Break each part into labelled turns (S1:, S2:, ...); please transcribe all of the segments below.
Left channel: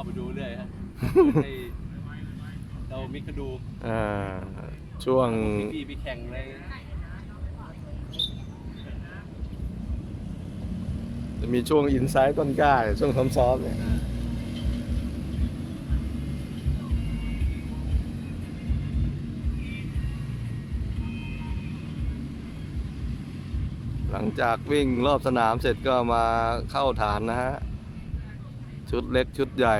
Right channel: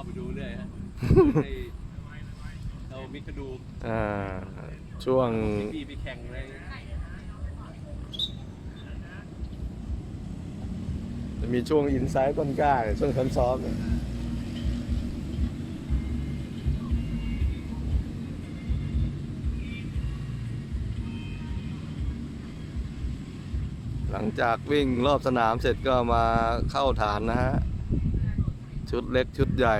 S1: าไปดูเรื่อยครับให้เรามิกระดู
S2: อ่าช่วง
S1: พี่ไปแข่งเลย
S2: จะมีช่วงอินไซต์ต้นกล้าเนี่ยช่วงซ้อมๆเนี่ยหลังจากวิ่งรอบสนามเสร็จก็มาเข้าฐานนะฮะ ชุดเล็กชุดใหญ่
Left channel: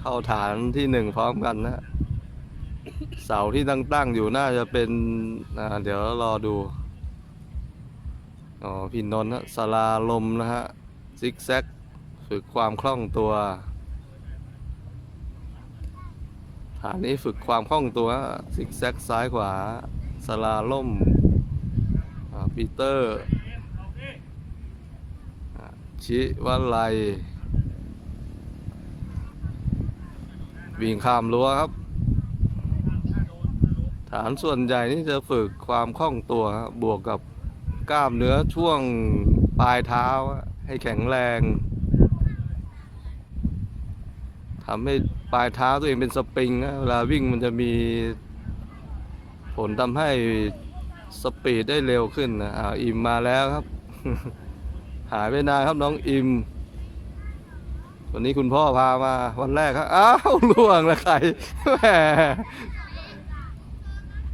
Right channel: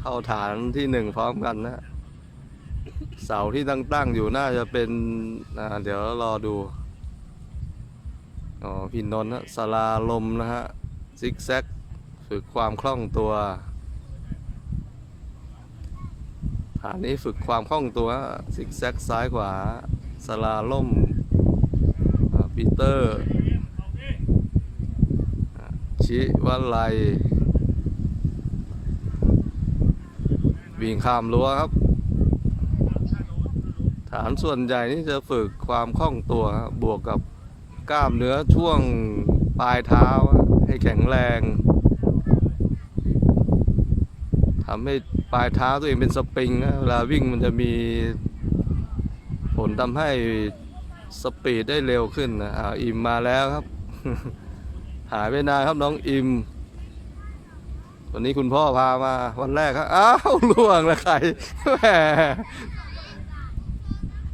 S2: เข้าฐานที่หนึ่งพร้อมกันนะเสาที่ตั้งๆอยู่น่าจะเป็นเดี๋ยวรอดูอ๋อพี่นนท์ฮะสลาลมนะฮะซิกแซกฝึกความคล่องตัวฐานนี้ฝึกความคล่องตัวซิกแซกซ้ายขวาสลาล่มปีเตอร์ ชิวัลไล วิ่งข้ามรั้วครับ ฐานส่วนใหญ่นี่จะฝึกความคล่องตัวบวกกับกล้ามเนื้อช่วงปลายเท้าให้แข็งแรงทำให้ปลายเท้าตัวเองเป็นสปริงนะเวลาวิ่งมันจะมีผลทำให้สปีดได้เร็วขึ้นนะอ่าอิมมาแล้วครับ หายไปนานครับน้องอิม วันนี้คุณพ่อพามาวันแรกครับ อ้าวล่วงล้วใครแหม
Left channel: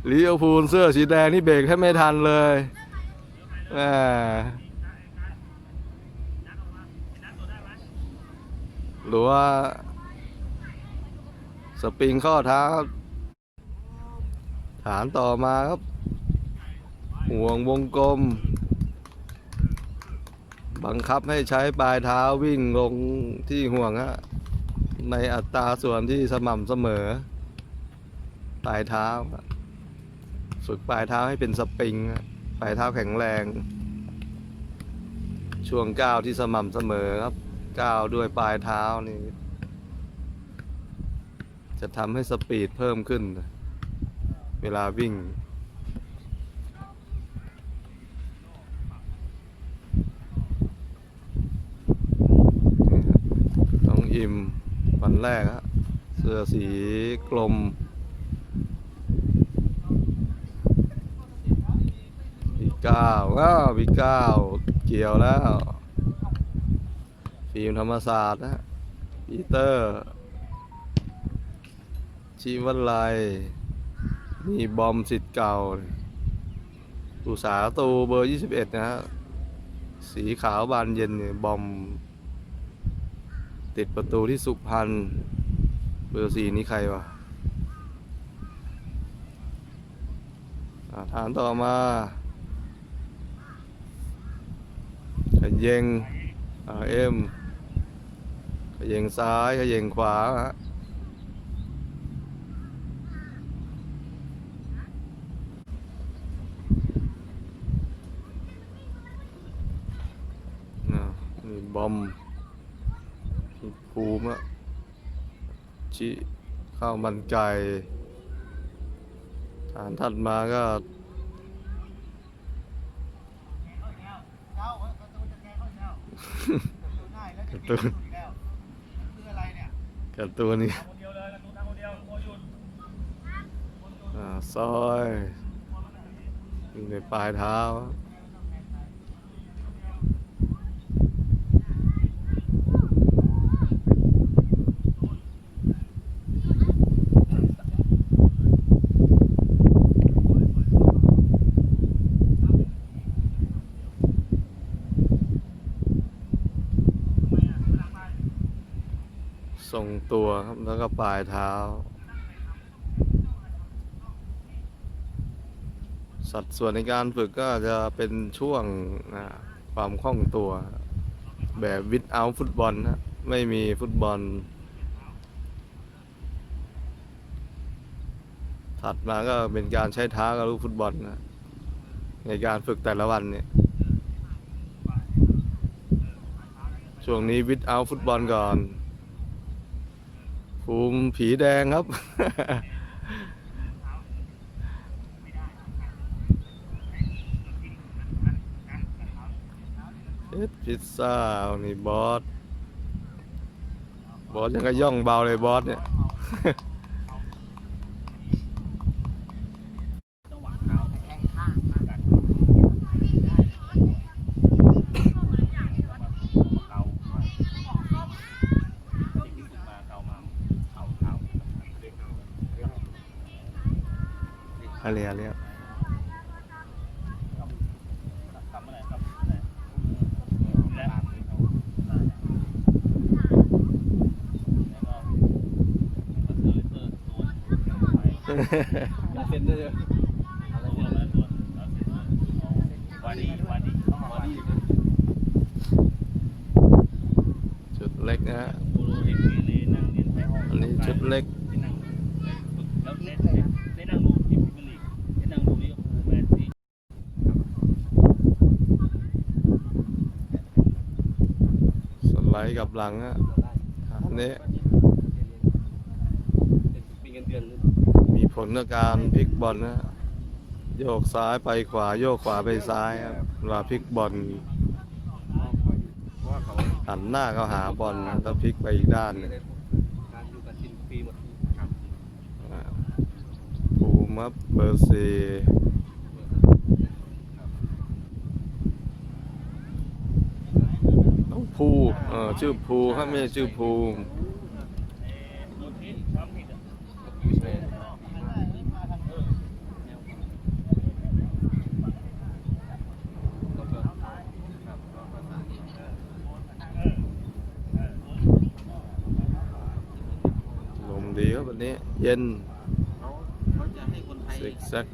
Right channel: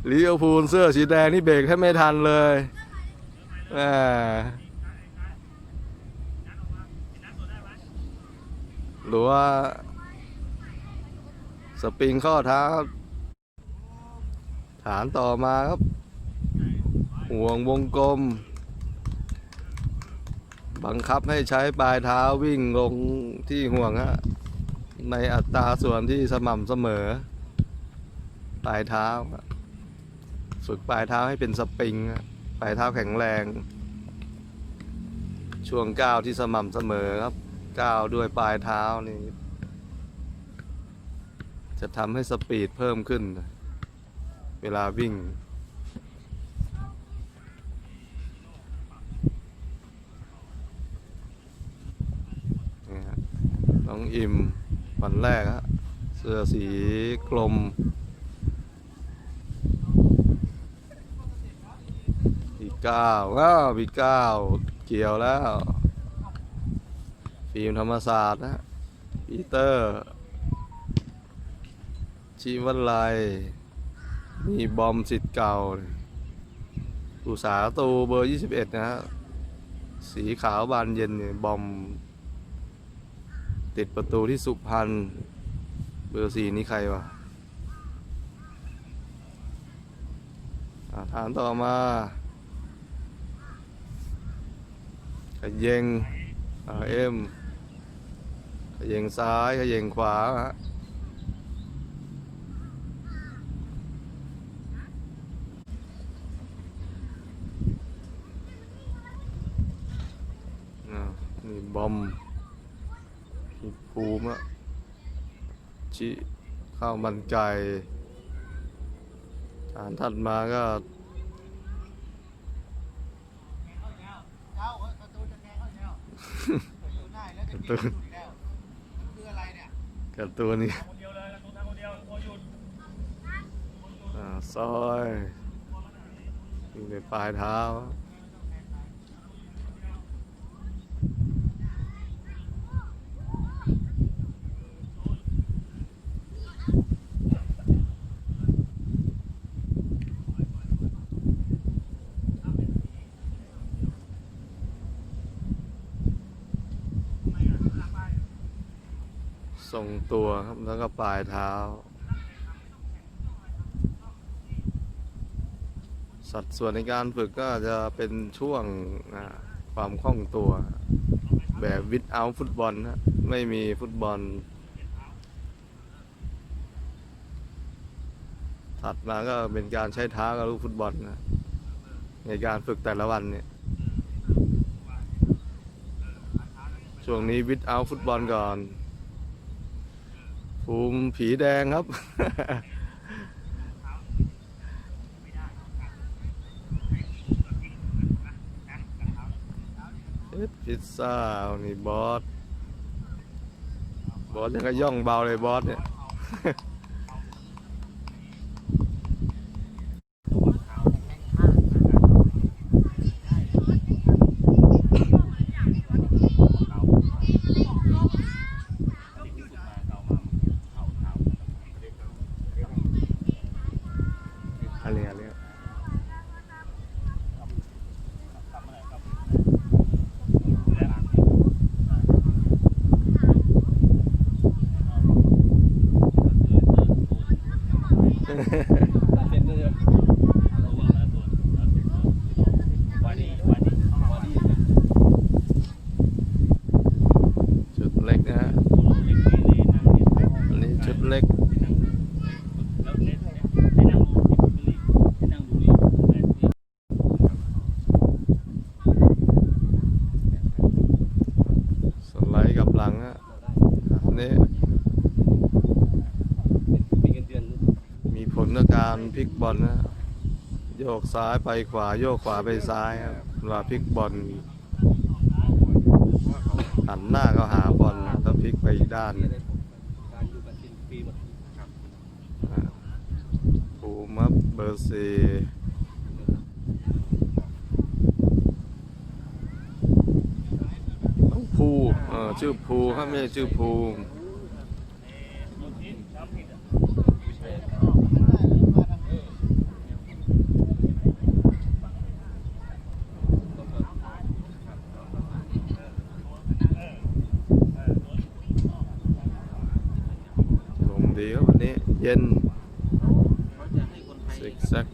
S2: ลิเวอพูลเสื้อสีแดงนี่เบรกแทบไม่ทันเลยแหมหรือว่า สปริงข้อเท้า ฐานต่อมาครับ ห่วงวงกลม บังคับให้ใช้ปลายเท้าวิ่งลงที่ห่วงฮะในอัตราส่วนที่สม่ำเสมอ ปลายเท้า ฝึกปลายเท้าให้เป็นสปริง ปลายเท้าแข็งแรง ช่วงก้าวที่สม่ำเสมอครับ ก้าวด้วยปลายเท้านี่ จะทำให้สปีดเพิ่มขึ้น เวลาวิ่ง นี่ฮะน้ องอิมวันแรกฮะเสื้อสีกลมพี่ก้าว้าวพี่ก้าวเกี่ยวแล้ว ฟิล์มธรรมศาสตร์นะปีเตอร์ชีวันไลนี่บอมสิทธิ์เก่า อุสาตูเบอร์ 21 นะฮะ สีขาวบานเย็นเนี่ยบอม ติดประตูที่สุพรรณเบอร์สี่นี่ใครวะอ่าฐานต่อมาขยเยงเอ็มขยเยงซ้ายขยเยงขวาฮะอ่านี่บอม มีภูมิอะชิข้าวมันไก่ฐานถัดมาก็การ์ตูนการ์ตูนนี่ซอยอยู่ในปลายเท้า ทรงตัวครับแล้วก็ปลายเท้า สัดส่วนในการฝึกก็จะเป็นช่วงความคล่องตัว แบบวิดเอาฟุตบอลนะไม่มีฟุตบอล ถัดมาก็เป็นการใช้เท้ากับลูกฟุตบอลนะในการฝึกแต่ละวันเนี่ยช่วงนี้วิดเอาฟุตบอลก่อน ภูมิผีแดงครับ เอสพิซซ่านี่บอส บอสยังก็ย่องเบาเลยบอสเนี่ย อะไรอะไรอะชุดเล็กนะฮะอันนี้ชุดเล็ก สไลด์ กับหลังฮะอันนี้
S1: มีเงินเดือน
S2: มีผลกับการพลิกบอลนะฮะโยกซ้ายไปขวาโยกขวาไปซ้ายครับเวลาพลิกบอลหันหน้าก็หาบอลนะถ้าพลิกไปอีกด้านหนึง
S1: การอยู่กับทีมฟรีหมด
S2: อ่าภูมิครับเบอร์สี่น้องภูเออ ชื่อภูครับไม่ใช่ชื่อภูมิลมดีครับวันนี้ เย็น
S1: เขาจะให้คนไทย
S2: ซิกแซก